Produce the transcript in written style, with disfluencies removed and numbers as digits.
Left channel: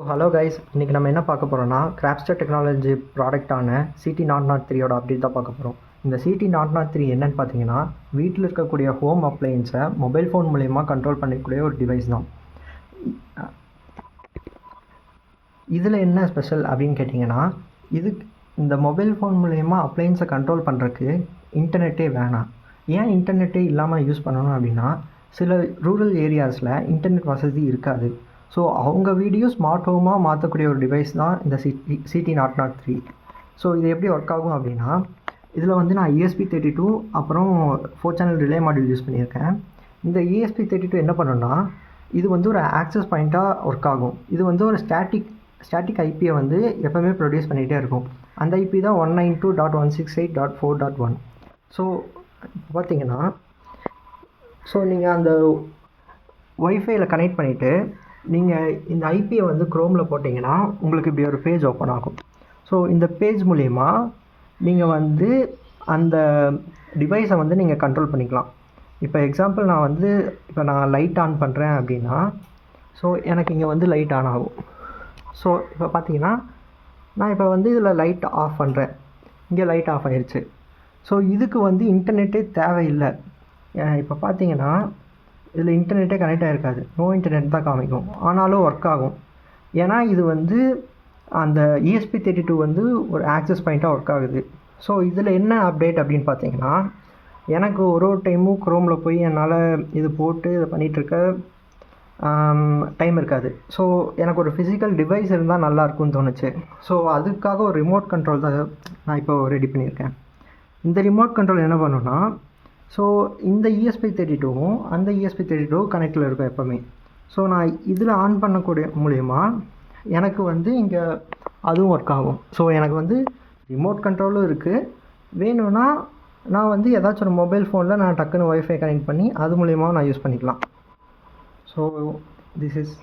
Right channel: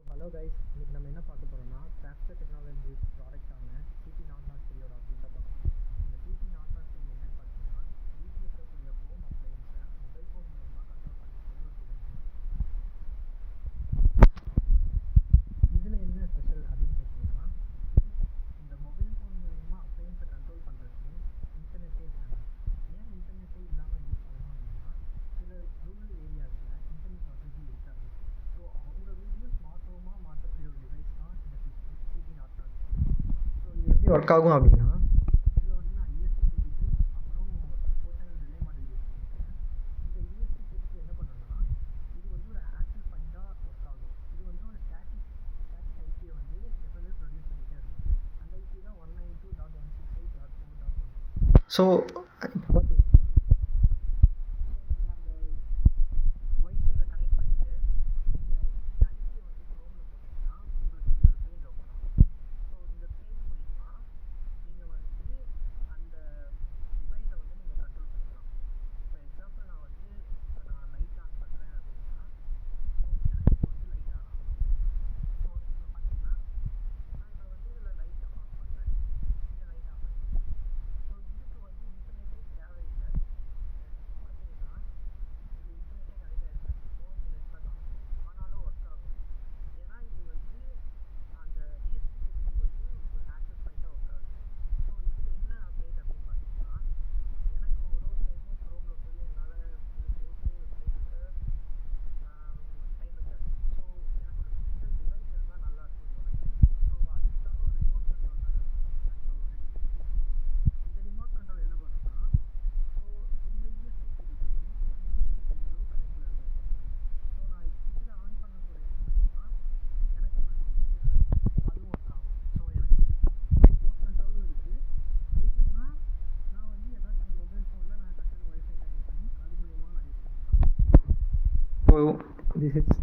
Hello guys, இன்றைக்கி நம்ம என்ன பார்க்க போகிறோம்னா கிராப்ஸ்டர் டெக்னாலஜி ப்ராடக்டான CT003 அப்டேட் தான் பார்க்க போகிறோம். இந்த CT003 என்னன்னு பார்த்தீங்கன்னா, வீட்டில் இருக்கக்கூடிய ஹோம் அப்ளையன்ஸை மொபைல் ஃபோன் மூலயமா கண்ட்ரோல் பண்ணக்கூடிய ஒரு டிவைஸ் தான். இதில் என்ன ஸ்பெஷல் அப்படின்னு கேட்டிங்கன்னா, இந்த மொபைல் ஃபோன் மூலயமா அப்ளையன்ஸை கண்ட்ரோல் பண்ணுறதுக்கு இன்டர்நெட்டே வேணாம். ஏன் இன்டர்நெட்டே இல்லாமல் யூஸ் பண்ணணும் அப்படின்னா, சில ரூரல் ஏரியாஸில் இன்டர்நெட் வசதி இருக்காது. ஸோ அவங்க வீடியோ ஸ்மார்ட் ஹோமாக மாற்றக்கூடிய ஒரு டிவைஸ் தான் இந்த CT003. ஸோ இது எப்படி ஒர்க் ஆகும் அப்படின்னா, இதில் வந்து நான் ESP32 அப்புறம் 4 சேனல் ரிலே மாடியூல் யூஸ் பண்ணியிருக்கேன். இந்த ESP32 என்ன பண்ணுன்னா, இது வந்து ஒரு ஆக்சஸ் பாயிண்ட்டாக ஒர்க் ஆகும். இது வந்து ஒரு ஸ்டாட்டிக் ஐபியை வந்து எப்போவுமே ப்ரொடியூஸ் பண்ணிகிட்டே இருக்கும். அந்த ஐபி தான் 192.168.4.1. ஸோ இப்போ பார்த்தீங்கன்னா, நீங்கள் அந்த ஒய்ஃபையில் கனெக்ட் பண்ணிவிட்டு நீங்கள் இந்த ஐபியை வந்து க்ரோமில் போட்டிங்கன்னா உங்களுக்கு இப்படி ஒரு பேஜ் ஓப்பன் ஆகும். ஸோ இந்த பேஜ் மூலயமா நீங்கள் வந்து அந்த டிவைஸை வந்து நீங்கள் கண்ட்ரோல் பண்ணிக்கலாம். இப்போ எக்ஸாம்பிள் நான் லைட் ஆன் பண்ணுறேன் அப்படின்னா, ஸோ எனக்கு இங்கே வந்து லைட் ஆன் ஆகும். ஸோ இப்போ பார்த்தீங்கன்னா, நான் இப்போ வந்து இதில் லைட் ஆஃப் பண்ணுறேன், இங்கே லைட் ஆஃப் ஆயிடுச்சு. ஸோ இதுக்கு வந்து இன்டர்நெட்டே தேவையில்லை. இப்போ பார்த்தீங்கன்னா இதில் இன்டர்நெட்டே கனெக்ட் ஆகிருக்காது, நோ இன்டர்நெட் தான் காமிக்கும், ஆனாலும் ஒர்க் ஆகும். ஏன்னா இது வந்து அந்த ESP32 வந்து ஒரு ஆக்சஸ் பாயிண்ட்டாக ஒர்க் ஆகுது. ஸோ இதில் என்ன அப்டேட் அப்படின்னு பார்த்தீங்கன்னா, எனக்கு ஒரு டைமும் க்ரோமில் போய் என்னால் இது போட்டு இதை பண்ணிகிட்ருக்க டைம் இருக்காது. ஸோ எனக்கு ஒரு ஃபிசிக்கல் டிவைஸ் இருந்தால் நல்லாயிருக்கும்னு தோணுச்சு. ஸோ அதுக்காக ஒரு ரிமோட் கண்ட்ரோல் தான் நான் இப்போ ரெடி பண்ணியிருக்கேன். இந்த ரிமோட் கண்ட்ரோல் என்ன பண்ணுன்னா, ஸோ இந்த ESP32வும் அந்த ESP32 கனெக்டில் இருக்கும் எப்போவுமே. ஸோ நான் இதில் ஆன் பண்ணக்கூடிய மூலயமா எனக்கு வந்து இங்கே அதுவும் ஒர்க் ஆகும். ஸோ எனக்கு வந்து ரிமோட் கண்ட்ரோலும் இருக்குது. வேணும்னா நான் வந்து ஏதாச்சும் ஒரு மொபைல் ஃபோனில் நான் டக்குன்னு ஒய்ஃபை கனெக்ட் பண்ணி அது மூலயமா நான் யூஸ் பண்ணிக்கலாம். So this is